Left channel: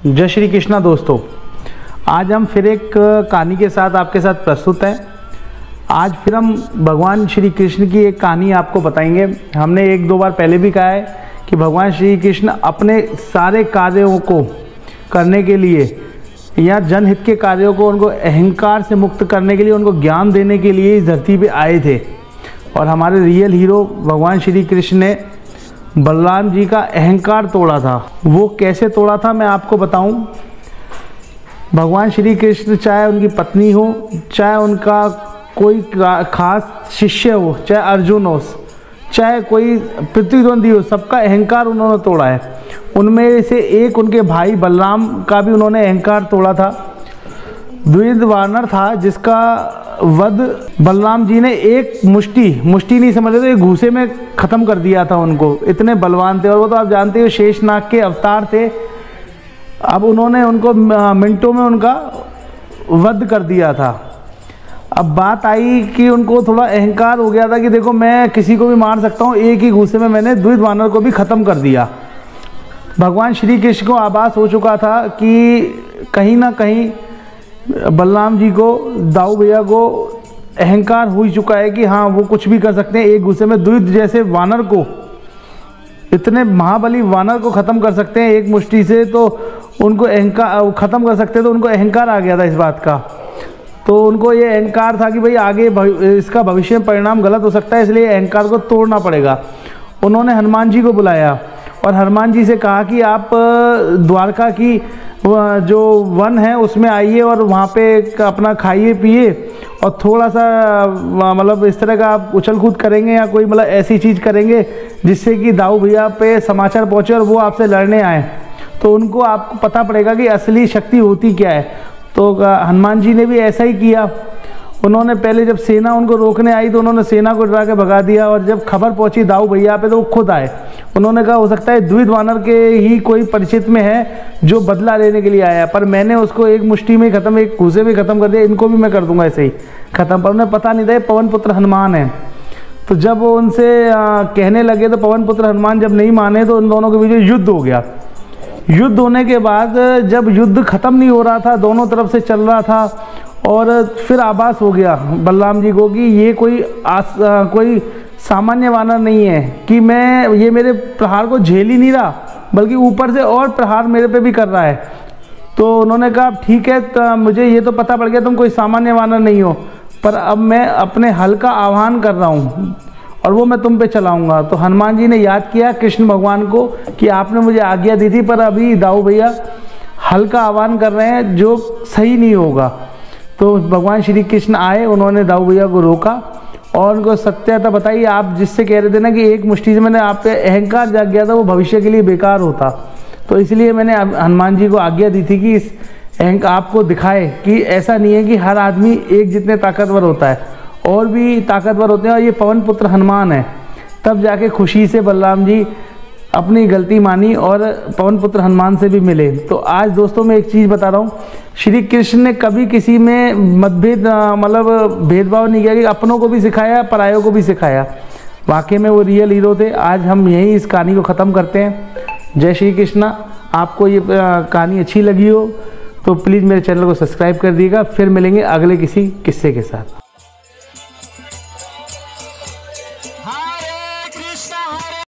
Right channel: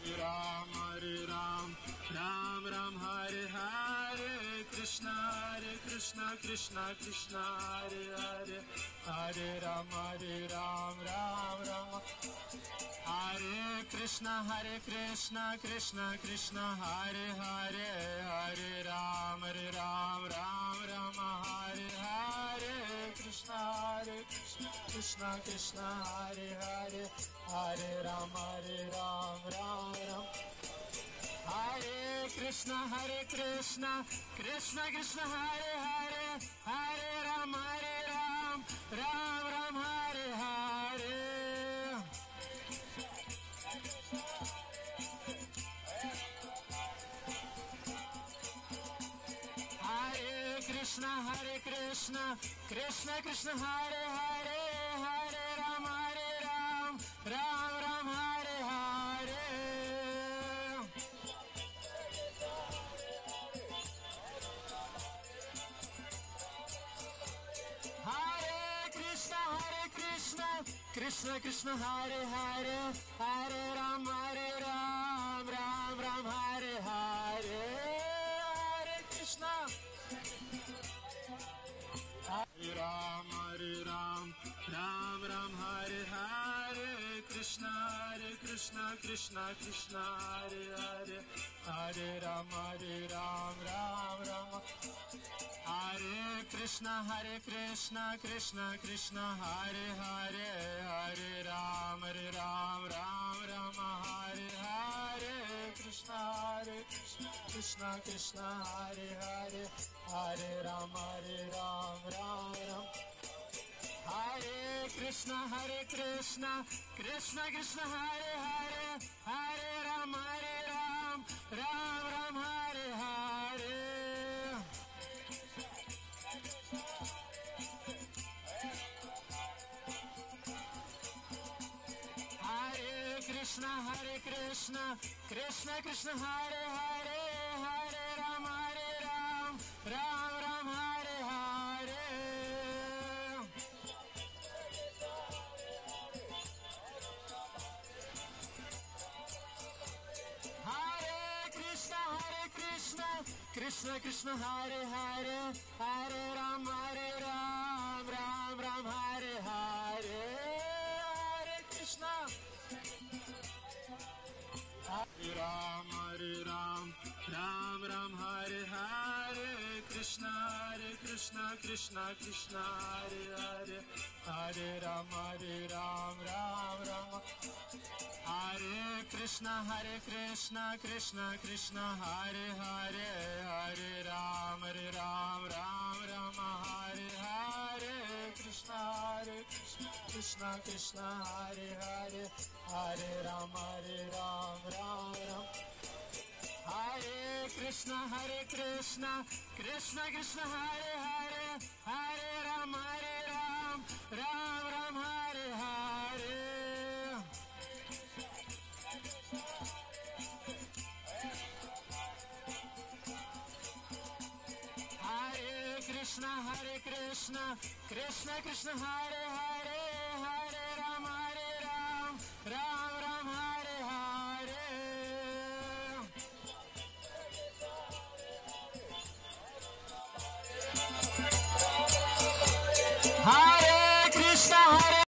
जय श्री कृष्णा दोस्तों, आज हम फिर एक कहानी के साथ आपके साथ प्रस्तुत हैं। आज फिर हम भगवान श्री कृष्ण की एक कहानी आपको बताएंगे। हमने एक दो बार पहले भी कहा है कि भगवान श्री कृष्ण अपने सारे कार्यों को करने के लिए या जनहित के कार्यों को उनको अहंकार से मुक्त करने के लिए, उनको ज्ञान देने के लिए इस धरती पे आए थे। और हमारे रियल हीरो भगवान श्री कृष्ण ने बलराम जी का अहंकार तोड़ा था। वो कैसे तोड़ा था मैं आपको बताऊं। भगवान श्री कृष्ण चाहे उनकी पत्नी हो, चाहे उनका कोई खास शिष्य हो, चाहे अर्जुन हो, चाहे कोई प्रतिद्वंदी हो, सबका अहंकार उन्होंने तोड़ा है। उनमें से एक उनके भाई बलराम का भी उन्होंने अहंकार तोड़ा था। द्विविध वानर था जिसका वध बलराम जी ने एक मुष्टि नहीं समझ रहे, तो एक घूसे में ख़त्म कर दिया था उनको। इतने बलवान थे और वो तो आप जानते हो शेषनाग के अवतार थे। अब उन्होंने उनको मिनटों में उनका वध कर दिया था। अब बात आई कि उनको थोड़ा अहंकार हो गया था कि देखो मैं किसी को भी मार सकता हूँ, एक ही घूसे में मैंने द्विविध वानर को भी ख़त्म कर दिया। भगवान श्री कृष्ण को आभास हो चुका था कि कहीं ना कहीं बलराम जी को, दाऊ भैया को अहंकार हो ही चुका है कि हाँ वो कुछ भी कर सकते हैं। एक गुस्से में द्विविध जैसे वानर को, इतने महाबली वानर को ख़त्म कर सकते हैं एक मुष्टि से, तो उनको अहंकार ख़त्म कर सकते हैं। तो उनको अहंकार आ गया था इस बात का। तो उनको ये अहंकार था कि भाई आगे इसका भविष्य में परिणाम गलत हो सकता है, इसलिए अहंकार को तोड़ना पड़ेगा। उन्होंने हनुमान जी को बुलाया और हनुमान जी से कहा कि आप द्वारका की जो वन है उसमें आइए और वहाँ पे अपना खाइए पिए और थोड़ा सा मतलब इस तरह का आप उछल कूद करेंगे या कोई मतलब ऐसी चीज़ करेंगे जिससे कि दाऊ भैया पे समाचार पहुँचे और वो आपसे लड़ने आए, तो उनको आपको पता पड़ेगा कि असली शक्ति होती क्या है। तो हनुमान जी ने भी ऐसा ही किया। उन्होंने पहले जब सेना उनको रोकने आई तो उन्होंने सेना को डरा के भगा दिया, और जब खबर पहुंची दाऊ भैया पे तो वो खुद आए। उन्होंने कहा हो सकता है द्विविध वानर के ही कोई परिचित में है जो बदला लेने के लिए आया, पर मैंने उसको एक मुष्टि में ख़त्म, एक घूसे में ख़त्म कर दिया, इनको भी मैं कर दूंगा ऐसे ही ख़त्म। पर उन्हें पता नहीं था पवन पुत्र हनुमान है। तो जब वो उनसे कहने लगे तो पवन पुत्र हनुमान जब नहीं माने तो उन दोनों के बीच युद्ध हो गया। युद्ध होने के बाद जब युद्ध ख़त्म नहीं हो रहा था, दोनों तरफ से चल रहा था, और फिर आभास हो गया बलराम जी को कि ये कोई सामान्य वानर नहीं है, कि ये मेरे प्रहार को झेल ही नहीं रहा बल्कि ऊपर से और प्रहार मेरे पे भी कर रहा है। तो उन्होंने कहा ठीक है, तो मुझे ये तो पता पड़ गया तुम कोई सामान्य वानर नहीं हो, पर अब मैं अपने हल का आह्वान कर रहा हूँ और वो मैं तुम पे चलाऊँगा। तो हनुमान जी ने याद किया कृष्ण भगवान को कि आपने मुझे आज्ञा दी थी, पर अभी दाऊ भैया हल का आह्वान कर रहे हैं जो सही नहीं होगा। तो भगवान श्री कृष्ण आए, उन्होंने दाऊ भैया को रोका और उनको सत्यता बताई। आप जिससे कह रहे थे ना कि एक मुष्टि से मैंने आप पे अहंकार जाग गया था, वो भविष्य के लिए बेकार होता, तो इसलिए मैंने हनुमान जी को आज्ञा दी थी कि इस अहंकार आपको दिखाए कि ऐसा नहीं है कि हर आदमी एक जितने ताकतवर होता है, और भी ताकतवर होते हैं, और ये पवन पुत्र हनुमान है। तब जाके खुशी से बलराम जी अपनी गलती मानी और पवन पुत्र हनुमान से भी मिले। तो आज दोस्तों मैं एक चीज़ बता रहा हूँ, श्री कृष्ण ने कभी किसी में मतभेद मतलब भेदभाव नहीं किया, कि अपनों को भी सिखाया, परायों को भी सिखाया। वाकई में वो रियल हीरो थे। आज हम यहीं इस कहानी को ख़त्म करते हैं। जय श्री कृष्णा। आपको ये कहानी अच्छी लगी हो तो प्लीज़ मेरे चैनल को सब्सक्राइब कर दीजिएगा। फिर मिलेंगे अगले किसी किस्से के साथ।